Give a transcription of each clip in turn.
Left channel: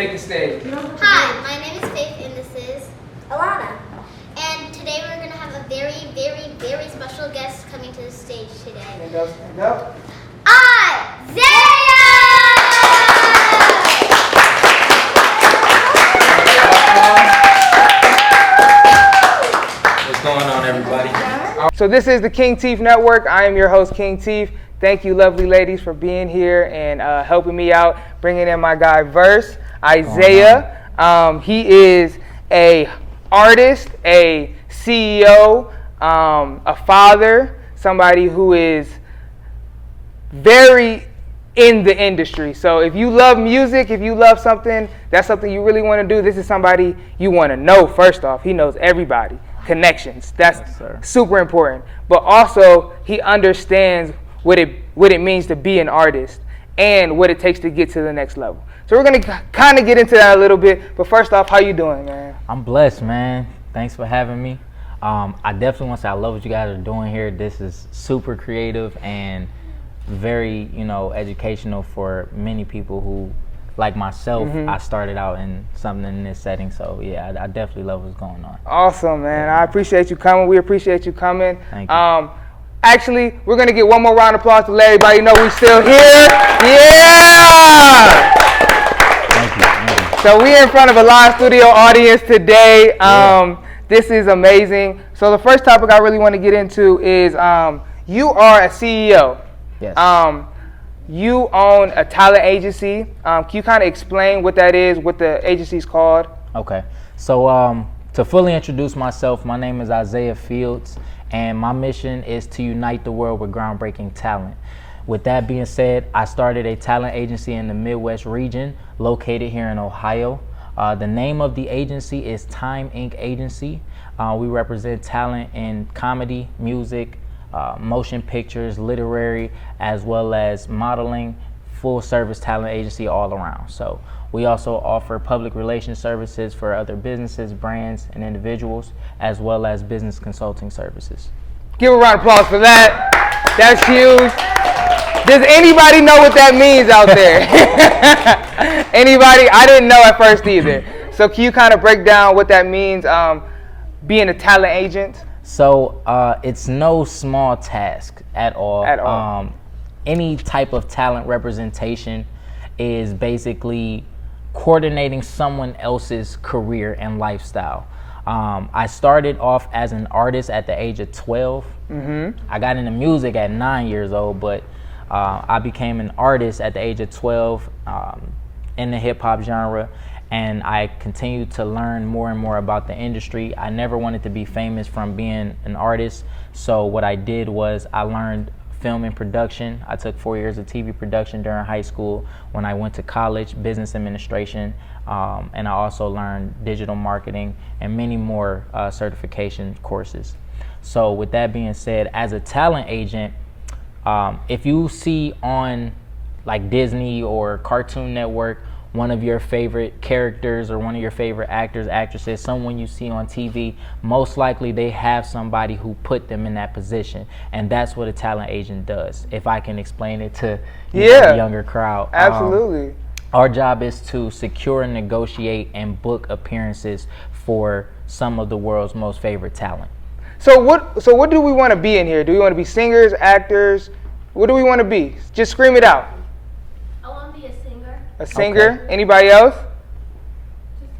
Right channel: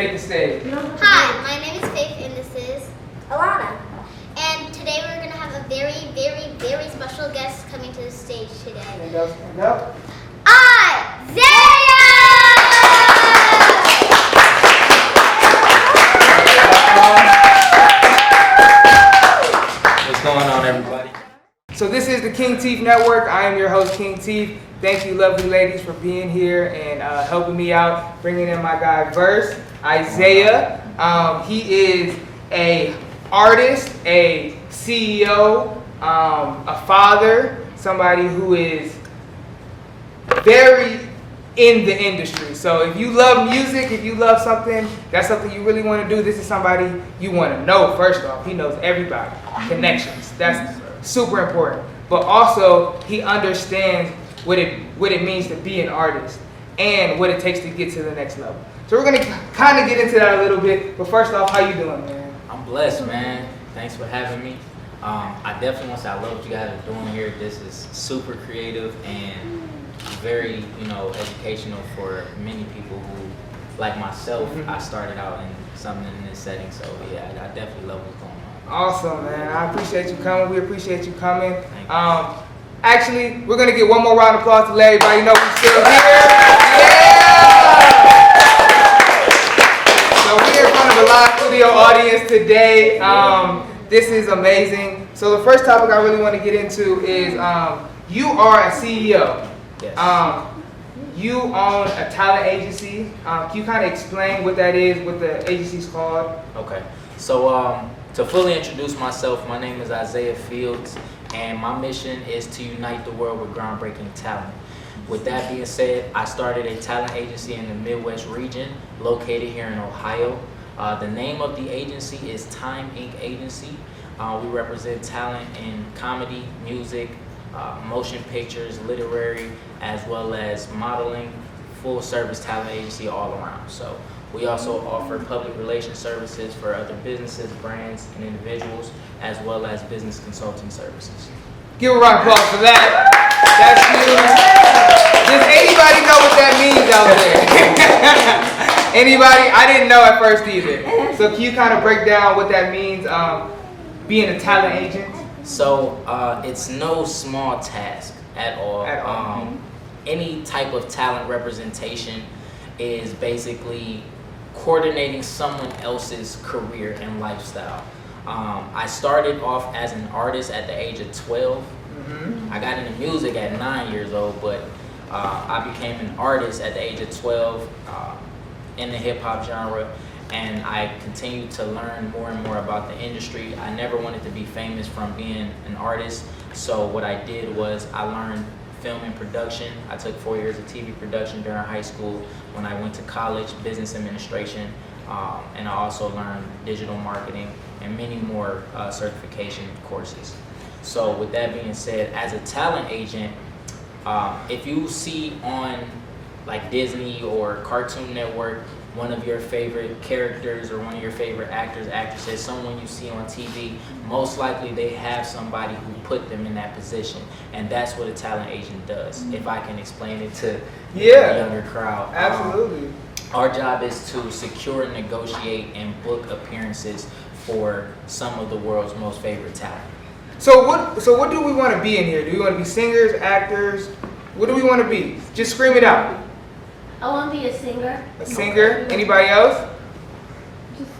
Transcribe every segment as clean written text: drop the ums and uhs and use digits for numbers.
take the stage. Hi, my name is Faith and this is Alana. And today we're going to have a very, very, very special guest coming to the stage today. Stand up, stand up. Isaiah! What's going on, everybody? So this is the Kingtif Network. I am your host, Kingtif. Thank you, lovely ladies, for being here and helping me out, bringing in my guy, Verse, Isaiah. He is a artist, a CEO, a father, somebody who is very in the industry. So if you love music, if you love something, that's something you really want to do, this is somebody you want to know. First off, he knows everybody, connections. That's super important. But also, he understands what it means to be an artist and what it takes to get to the next level. So we're going to kind of get into that a little bit. But first off, how you doing, man? I'm blessed, man. Thanks for having me. I definitely want to say I love what you guys are doing here. This is super creative and very, educational for many people who, like myself, I started out in something in this setting. So yeah, I definitely love what's going on. Awesome, man. I appreciate you coming. We appreciate you coming. Thank you. Actually, we're going to get one more round of applause to let everybody know we're still here. Yeah! Thank you. So we're in front of a live studio audience today. This is amazing. So the first topic I really want to get into is you are a CEO. Yes. You own a talent agency. Can you kind of explain what that is, what the agency is called? Okay. So to fully introduce myself, my name is Isaiah Fields, and my mission is to unite the world with groundbreaking talent. With that being said, I started a talent agency in the Midwest region, located here in Ohio. The name of the agency is Time Inc. Agency. We represent talent in comedy, music, motion pictures, literary, as well as modeling, full service talent agency all around. So we also offer public relations services for other businesses, brands, and individuals, as well as business consulting services. Give a round of applause for that. That's huge. Does anybody know what that means out there? Anybody? I didn't know at first either. So can you kind of break down what that means, being a talent agent? So it's no small task at all. At all. Any type of talent representation is basically coordinating someone else's career and lifestyle. I started off as an artist at the age of 12. I got into music at 9 years old, but I became an artist at the age of 12 in the hip hop genre, and I continued to learn more and more about the industry. I never wanted to be famous from being an artist, so what I did was I learned film and production. I took 4 years of TV production during high school. When I went to college, business administration, and I also learned digital marketing and many more certification courses. So with that being said, as a talent agent, if you see on like Disney or Cartoon Network, one of your favorite characters or one of your favorite actors, actresses, someone you see on TV, most likely they have somebody who put them in that position. And that's what a talent agent does, if I can explain it to the younger crowd. Absolutely. Our job is to secure, negotiate, and book appearances for some of the world's most favorite talent. So what do we want to be in here? Do we want to be singers, actors? What do we want to be? Just scream it out. I want to be a singer. A singer? Okay. Anybody else?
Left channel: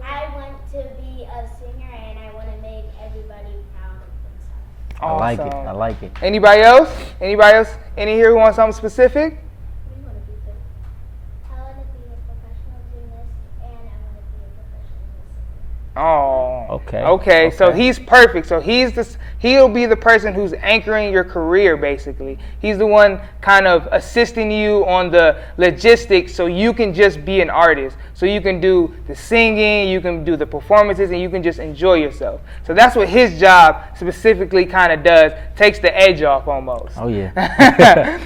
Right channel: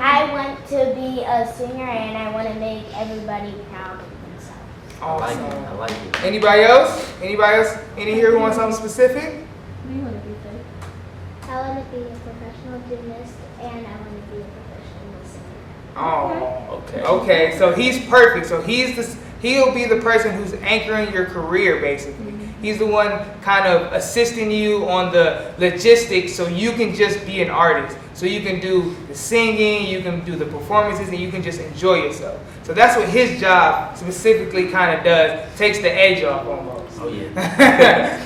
I want to be a singer and I want to make everybody proud of themselves. I like it. I like it. Anybody else? Anybody else in here who wants something specific? What do you want to be, Faith? I want to be a professional gymnast and I want to be a professional singer. Oh. Okay. Okay. So he's perfect. So he'll be the person who's anchoring your career, basically. He's the one kind of assisting you on the logistics so you can just be an artist. So you can do the singing, you can do the performances, and you can just enjoy yourself. So that's what his job specifically kind of does, takes the edge off almost. Oh, yeah.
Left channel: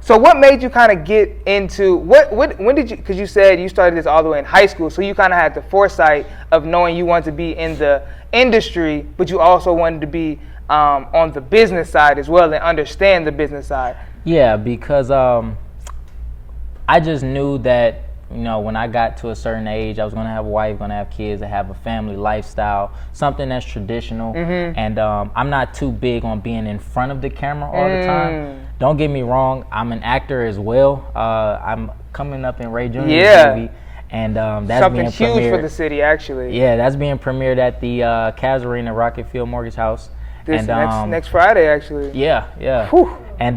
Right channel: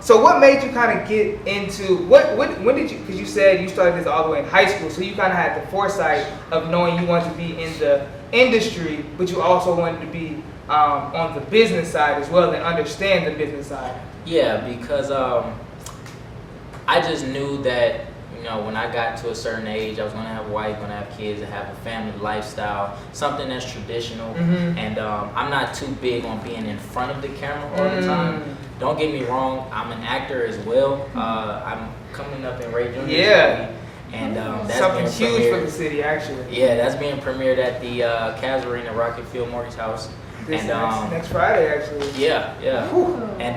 So what made you kind of get into, when did you, because you said you started this all the way in high school, so you kind of had the foresight of knowing you wanted to be in the industry, but you also wanted to be on the business side as well and understand the business side. Yeah, because I just knew that you know, when I got to a certain age, I was gonna have a wife, gonna have kids, and have a family lifestyle, something that's traditional. And I'm not too big on being in front of the camera all the time. Don't get me wrong, I'm an actor as well. I'm coming up in Ray Jr.'s movie. And that's something being huge premiered for the city, actually. Yeah, that's being premiered at the Cavs Arena, Rocket Field Mortgage House. This And next Friday, actually. Yeah. Whew. And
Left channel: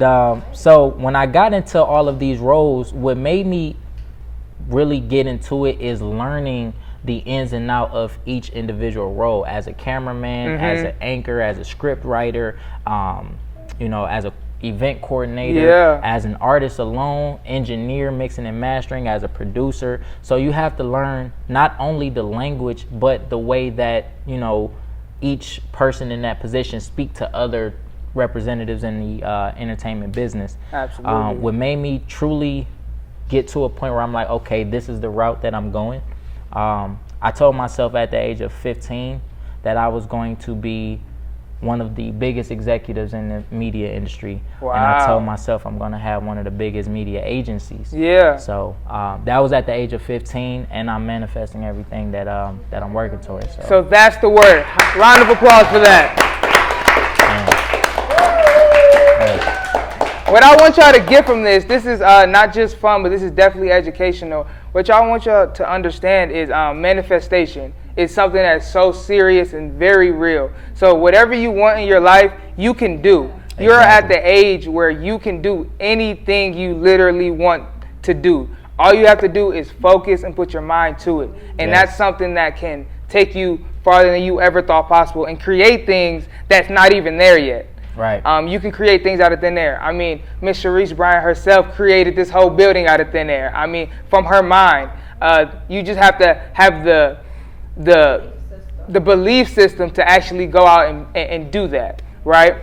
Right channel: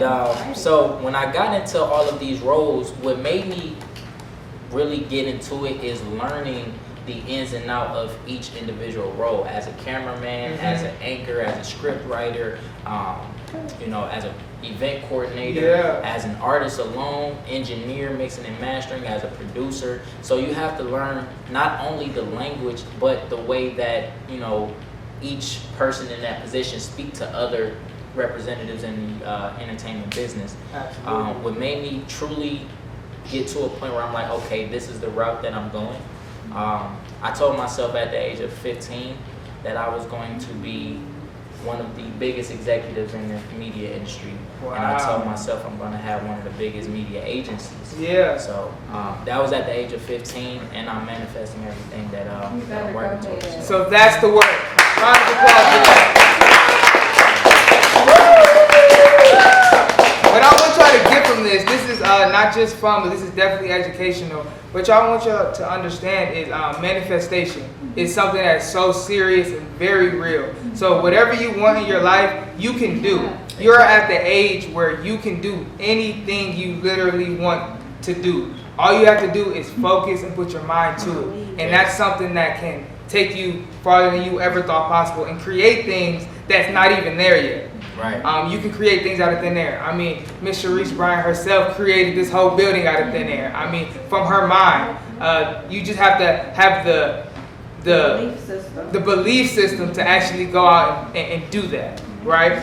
so when I got into all of these roles, what made me really get into it is learning the ins and out of each individual role as a cameraman, as an anchor, as a script writer, you know, as a event coordinator, as an artist alone, engineer, mixing and mastering, as a producer. So you have to learn not only the language, but the way that, you know, each person in that position speak to other representatives in the entertainment business. Absolutely. What made me truly get to a point where I'm like, okay, this is the route that I'm going. I told myself at the age of 15 that I was going to be one of the biggest executives in the media industry. Wow. And I told myself I'm going to have one of the biggest media agencies. Yeah. So that was at the age of 15, and I'm manifesting everything that I'm working towards. So that's the word. Round of applause for that. What I want y'all to get from this is not just fun, but this is definitely educational. What y'all want y'all to understand is manifestation is something that's so serious and very real. So whatever you want in your life, you can do. You're at the age where you can do anything you literally want to do. All you have to do is focus and put your mind to it. And that's something that can take you farther than you ever thought possible and create things that's not even there yet. Right. You can create things out of thin air. I mean, Miss Sharice Bryant herself created this whole building out of thin air. I mean, from her mind. You just have to have the belief system to actually go out and do that, right?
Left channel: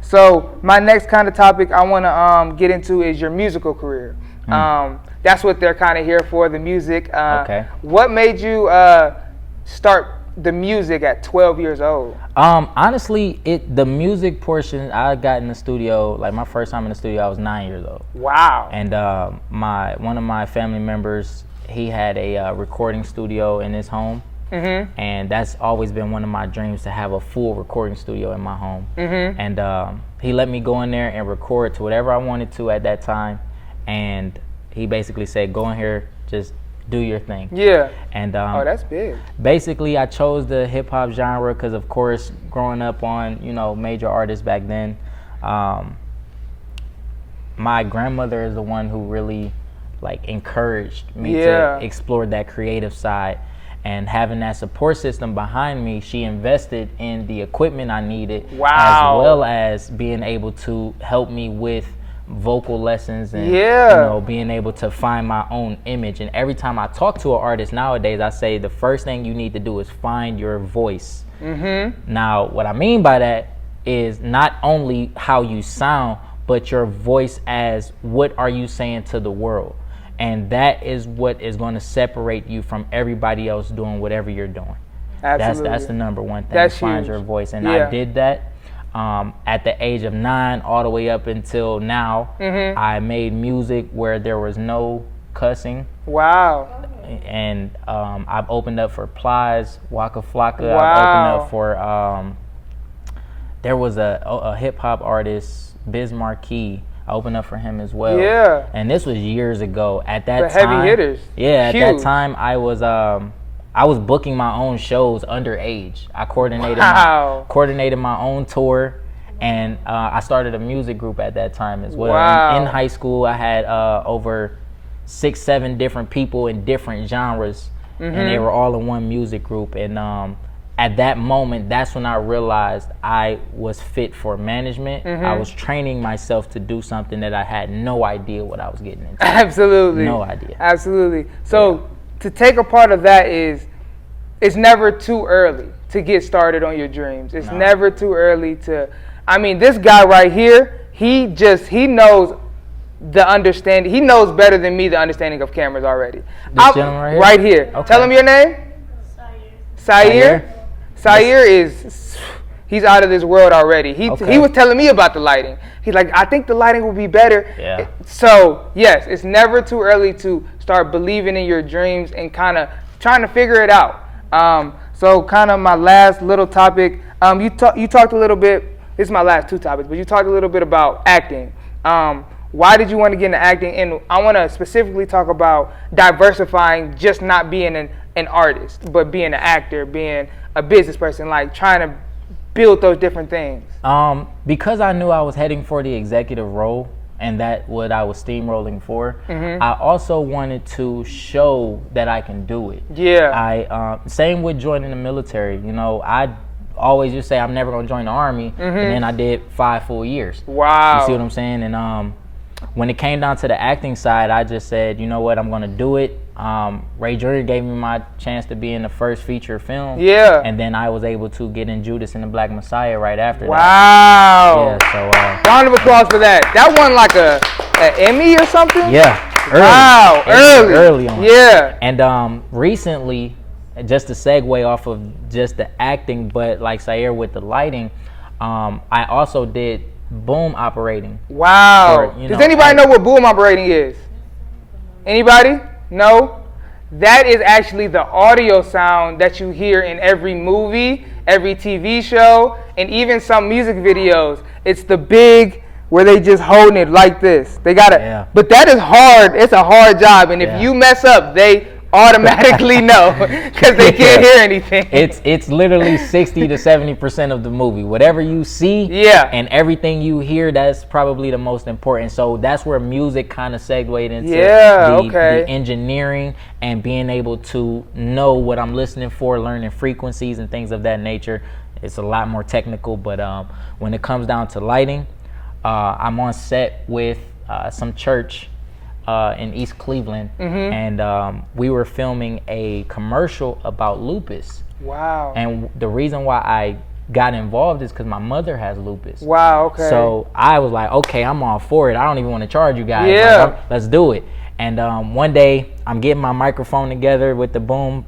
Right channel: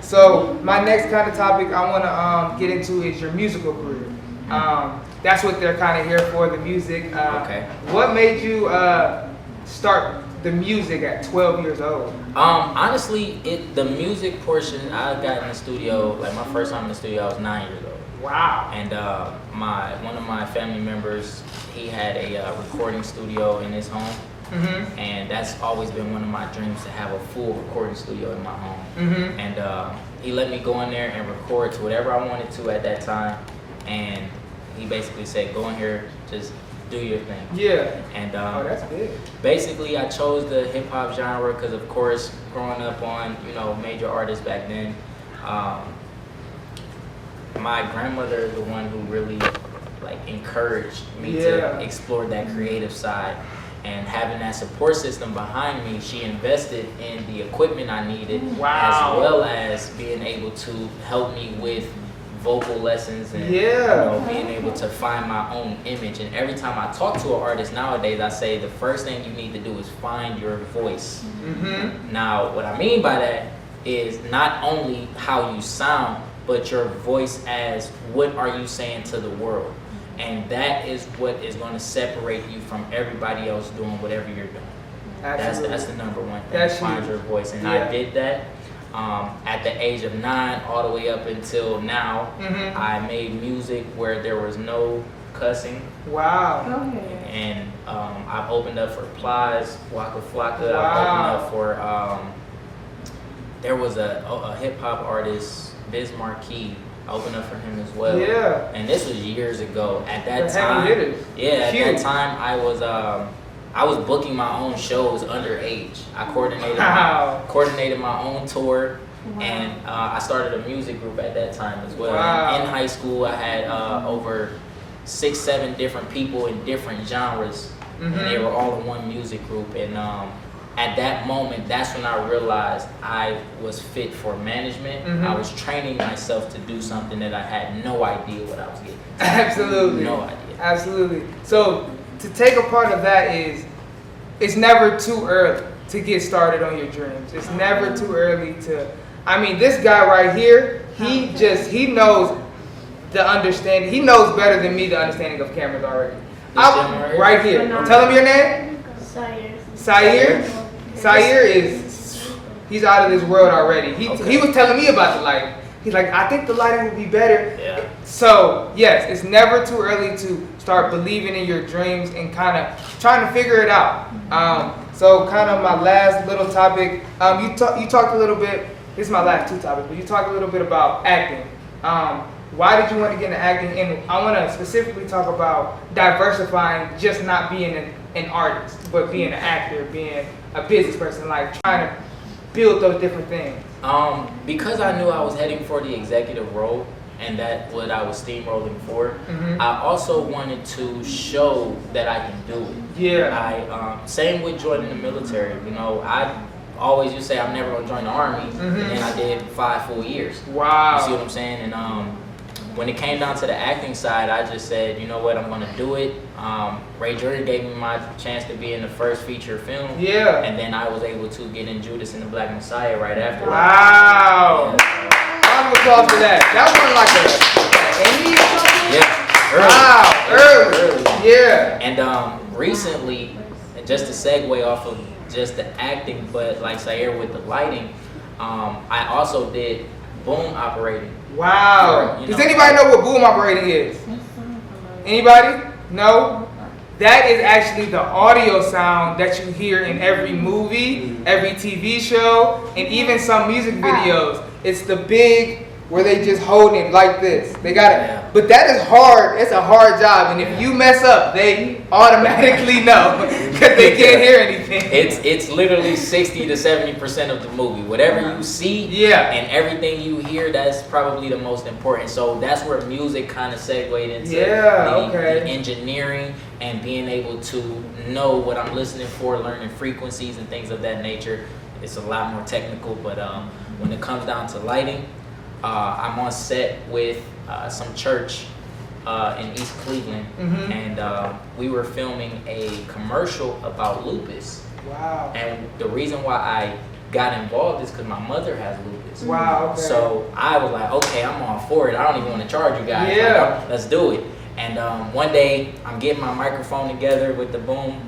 So my next kind of topic I want to get into is your musical career. That's what they're kind of here for, the music. Okay. What made you start the music at 12 years old? Honestly, the music portion, I got in the studio, like my first time in the studio, I was 9 years old. Wow. And one of my family members, he had a recording studio in his home. And that's always been one of my dreams, to have a full recording studio in my home. And he let me go in there and record to whatever I wanted to at that time. And he basically said, go in here, just do your thing. Yeah. And oh, that's big. basically, I chose the hip hop genre because, of course, growing up on, you know, major artists back then, my grandmother is the one who really like encouraged me to explore that creative side. And having that support system behind me, she invested in the equipment I needed, as well as being able to help me with vocal lessons and you know, being able to find my own image. And every time I talk to an artist nowadays, I say the first thing you need to do is find your voice. Now, what I mean by that is not only how you sound, but your voice as what are you saying to the world. And that is what is going to separate you from everybody else doing whatever you're doing. Absolutely. That's the number one thing. That's find huge. your voice. And I did that. At the age of 9 all the way up until now, I made music where there was no cussing. Wow. And I've opened up for Plies, Waka Flocka. Wow. I've opened up for, there was a hip hop artist, Biz Marquis. I opened up for him as well. Yeah. And this was years ago. At that The time, heavy hitters. yeah, Huge. at that time I was booking my own shows underage. I coordinated my own tour, and I started a music group at that time as well. Wow. In high school, I had over 6-7 different people in different genres, and they were all in one music group. And at that moment, that's when I realized I was fit for management. I was training myself to do something that I had no idea what I was getting into. Absolutely. No idea. Absolutely. So to take a part of that is, it's never too early to get started on your dreams. It's never too early to, I mean, this guy right here, he knows the understanding, he knows better than me the understanding of cameras already. Right here. Tell him your name. Sayer. Sayer is, he's out of this world already. He was telling me about the lighting. He's like, I think the lighting will be better. Yeah. So yes, it's never too early to start believing in your dreams and kind of trying to figure it out. So kind of my last little topic, you talked a little bit, this is my last two topics, but you talked a little bit about acting. Why did you want to get into acting? And I want to specifically talk about diversifying, just not being an artist, but being an actor, being a business person, like trying to build those different things. Because I knew I was heading for the executive role, and that what I was steamrolling for. I also wanted to show that I can do it. Yeah. Same with joining the military. You know, I always just say I'm never gonna join the army, and then I did 5 full years. Wow. You see what I'm saying? And when it came down to the acting side, I just said, you know what, I'm gonna do it. Ray Jr. gave me my chance to be in the first feature film. Yeah. And then I was able to get in Judas and the Black Messiah right after that. Wow. Yeah, so, round of applause for that. That won like an Emmy or something? yeah. Early. Early. Yeah. And recently, just to segue off of just the acting, but like Sayer with the lighting, I also did boom operating. Wow. For, Does anybody know what boom operating is? Anybody? No? That is actually the audio sound that you hear in every movie, every TV show, and even some music videos. It's the big, where they just holding it like this. They gotta, but that is hard. It's a hard job, and if you mess up, they automatically know because they can't hear anything. It's literally 60 to 70% of the movie. Whatever you see, and everything you hear, that's probably the most important. So that's where music kind of segued into the engineering and being able to know what I'm listening for, learning frequencies and things of that nature. It's a lot more technical, but when it comes down to lighting, I'm on set with some church in East Cleveland, and we were filming a commercial about lupus. Wow. And the reason why I got involved is because my mother has lupus. Wow, okay. So I was like, okay, I'm all for it. I don't even want to charge you guys. Yeah. Like, let's do it. And one day I'm getting my microphone together with the boom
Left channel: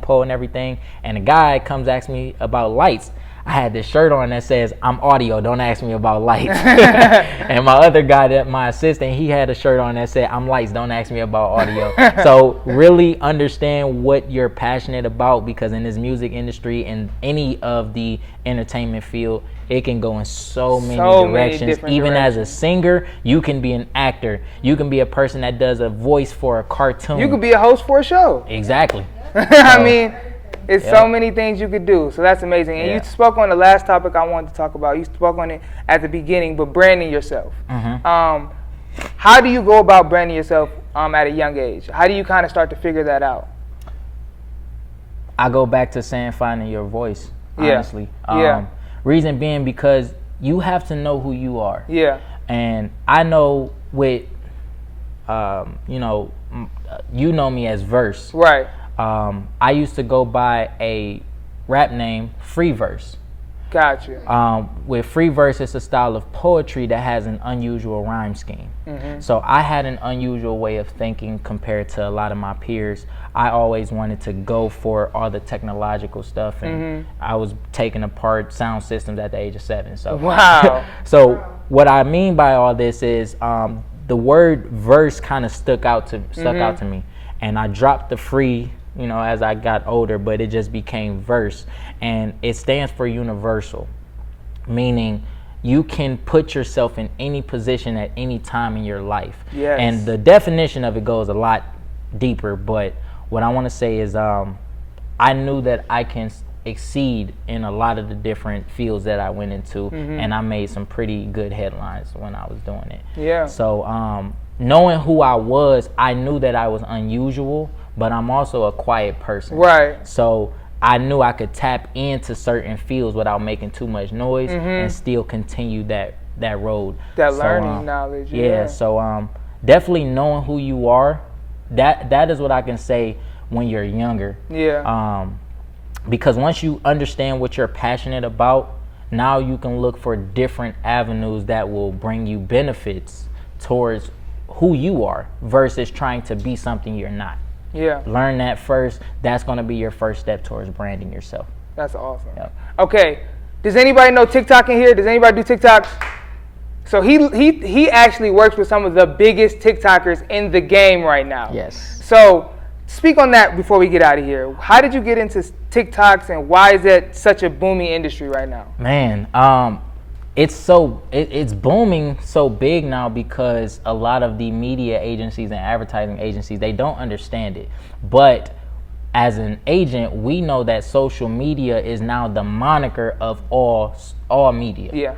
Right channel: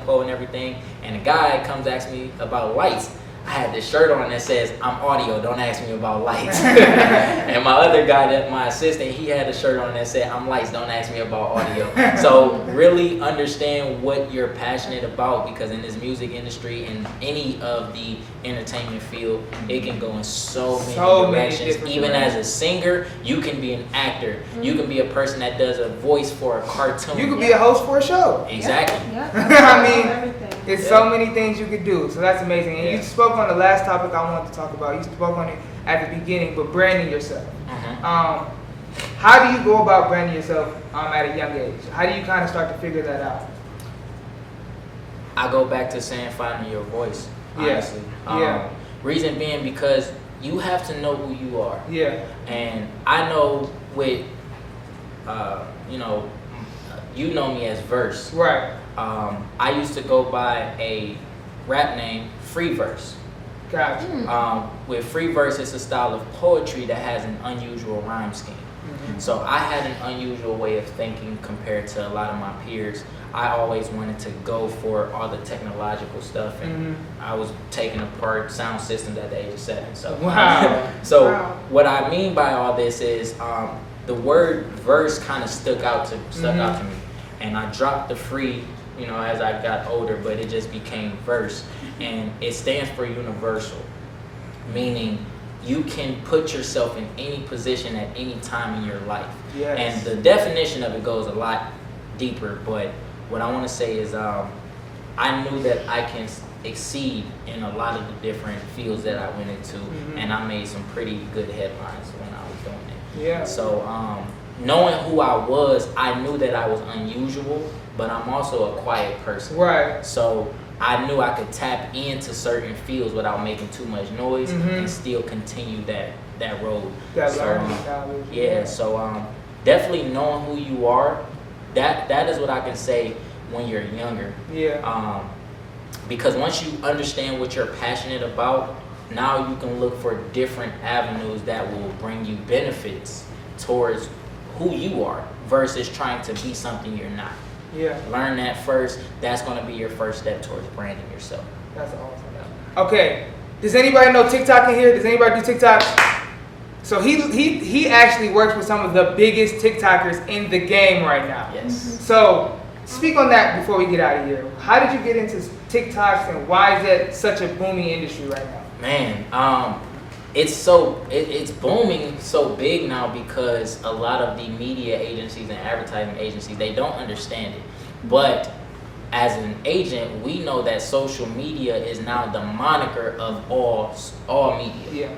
pole and everything, and a guy comes ask me about lights. I had this shirt on that says, I'm audio, don't ask me about lights. And my other guy, my assistant, he had a shirt on that said, I'm lights, don't ask me about audio. So really understand what you're passionate about, because in this music industry and any of the entertainment field, it can go in so many directions. Even as a singer, you can be an actor. You can be a person that does a voice for a cartoon. You could be a host for a show. Exactly. I mean, it's so many things you could do, so that's amazing. And you spoke on the last topic I wanted to talk about. You spoke on it at the beginning, but branding yourself. How do you go about branding yourself at a young age? How do you kind of start to figure that out? I go back to saying finding your voice, honestly. Reason being because you have to know who you are. And I know with, you know me as Verse. Right. I used to go by a rap name, Free Verse. Gotcha. With Free Verse, it's a style of poetry that has an unusual rhyme scheme. So I had an unusual way of thinking compared to a lot of my peers. I always wanted to go for all the technological stuff, and I was taking apart sound systems at the age of 7. So what I mean by all this is the word verse kind of stuck out to me, and I dropped the free, as I got older, but it just became verse, and it stands for universal, meaning you can put yourself in any position at any time in your life. And the definition of it goes a lot deeper, but what I want to say is I knew that I can exceed in a lot of the different fields that I went into, and I made some pretty good headlines when I was doing it. So knowing who I was, I knew that I was unusual, but I'm also a quiet person. Right. So I knew I could tap into certain fields without making too much noise and still continue that road. That learning knowledge. So definitely knowing who you are, that is what I can say when you're younger. Because once you understand what you're passionate about, now you can look for different avenues that will bring you benefits towards who you are versus trying to be something you're not. Learn that first. That's going to be your first step towards branding yourself. That's awesome. Okay. Does anybody know TikTok in here? Does anybody do TikTok? So he actually works with some of the biggest TikTokers in the game right now. Yes. So speak on that before we get out of here. How did you get into TikToks, and why is that such a booming industry right now? Man, it's booming so big now because a lot of the media agencies and advertising agencies, they don't understand it. But as an agent, we know that social media is now the moniker of all media. Yeah.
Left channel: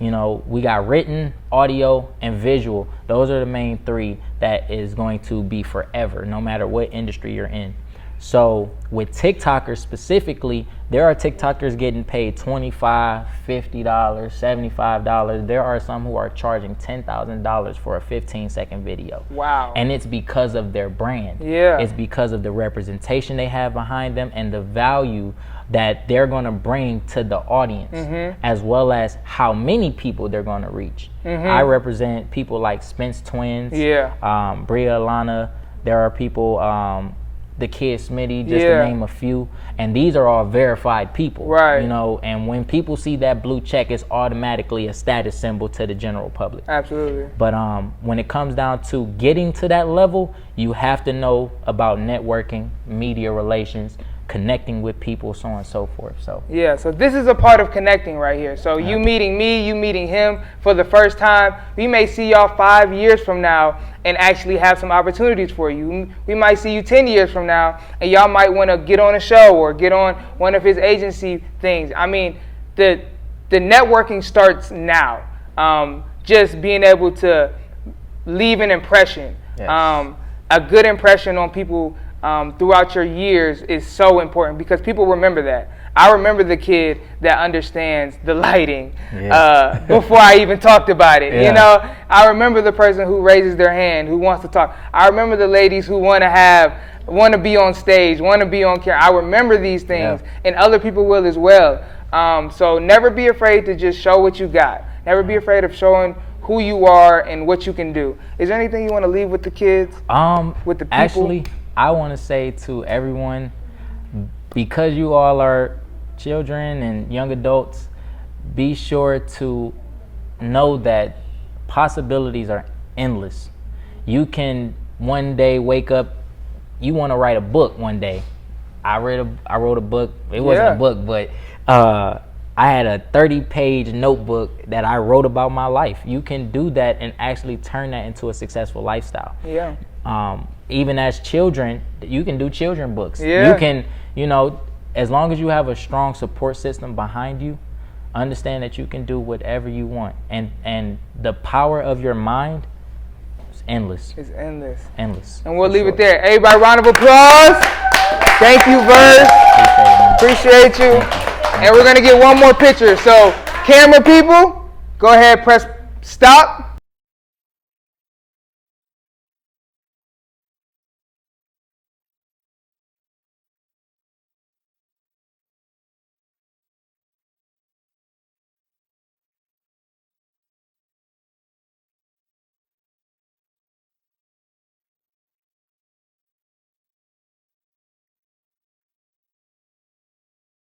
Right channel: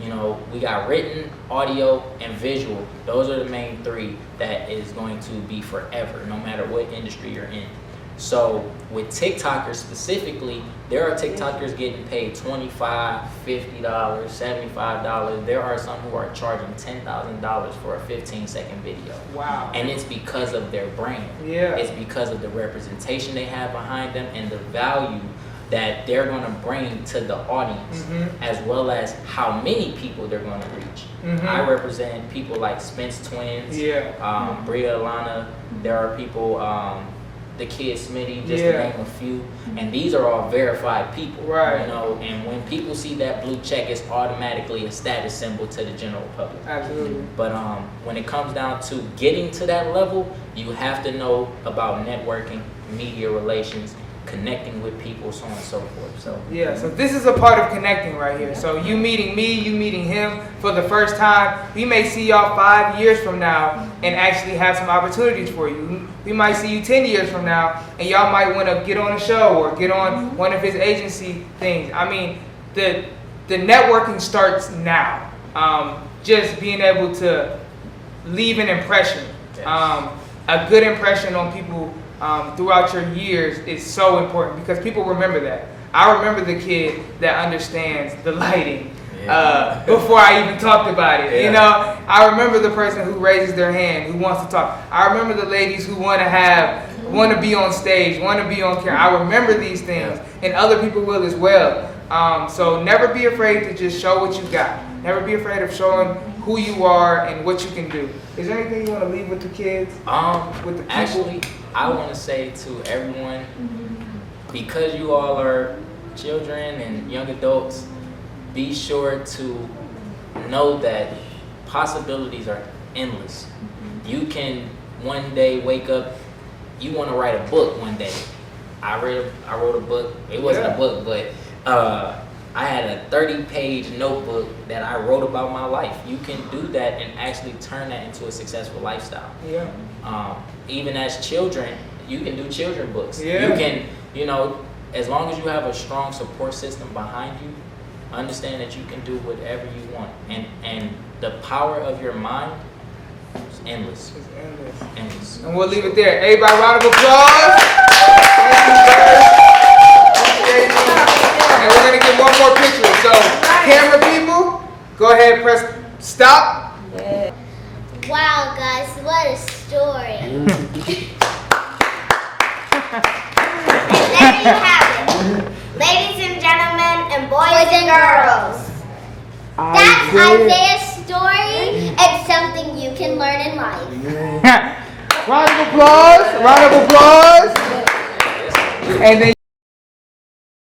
You know, we got written, audio, and visual. Those are the main three that is going to be forever, no matter what industry you're in. So with TikTokers specifically, there are TikTokers getting paid $25, $50, $75. There are some who are charging $10,000 for a 15-second video. Wow. And it's because of their brand. Yeah. It's because of the representation they have behind them and the value that they're going to bring to the audience, as well as how many people they're going to reach. I represent people like Spence Twins, Bria Alana. There are people, the Kid Smitty, just to name a few. And these are all verified people, right? You know, and when people see that blue check, it's automatically a status symbol to the general public. Absolutely. But when it comes down to getting to that level, you have to know about networking, media relations, connecting with people, so on and so forth. So yeah, so this is a part of connecting right here. So you meeting me, you meeting him for the first time. We may see y'all 5 years from now and actually have some opportunities for you. We might see you 10 years from now, and y'all might want to get on a show or get on one of his agency things. I mean, the networking starts now. Just being able to leave an impression, a good impression on people throughout your years is so important, because people remember that. I remember the kid that understands the lighting before I even talked about it. You know, I remember the person who raises their hand, who wants to talk. I remember the ladies who want to be on stage, want to be on camera. I remember these things, and other people will as well. So never be afraid to just show what you got. Never be afraid of showing who you are and what you can do. Is there anything you want to leave with the kids? With the people? Actually, I want to say to everyone, because you all are children and young adults, be sure to know that possibilities are endless. You can one day wake up, you want to write a book one day. I wrote a book. It wasn't a book, but I had a 30-page notebook that I wrote about my life. You can do that and actually turn that into a successful lifestyle. Yeah. Even as children, you can do children books. Yeah. You can, you know, as long as you have a strong support system behind you, understand that you can do whatever you want. And the power of your mind is endless. It's endless. Endless. And we'll leave it there. Everybody, round of applause. Thank you, Bird. Appreciate you. And we're going to get one more picture. So, camera people, go ahead, press stop. Wow, guys, what a story. And there you have it. Ladies and gentlemen, and boys and girls. That's Isaiah's story and something you can learn in life. Round of applause. Round of applause. And then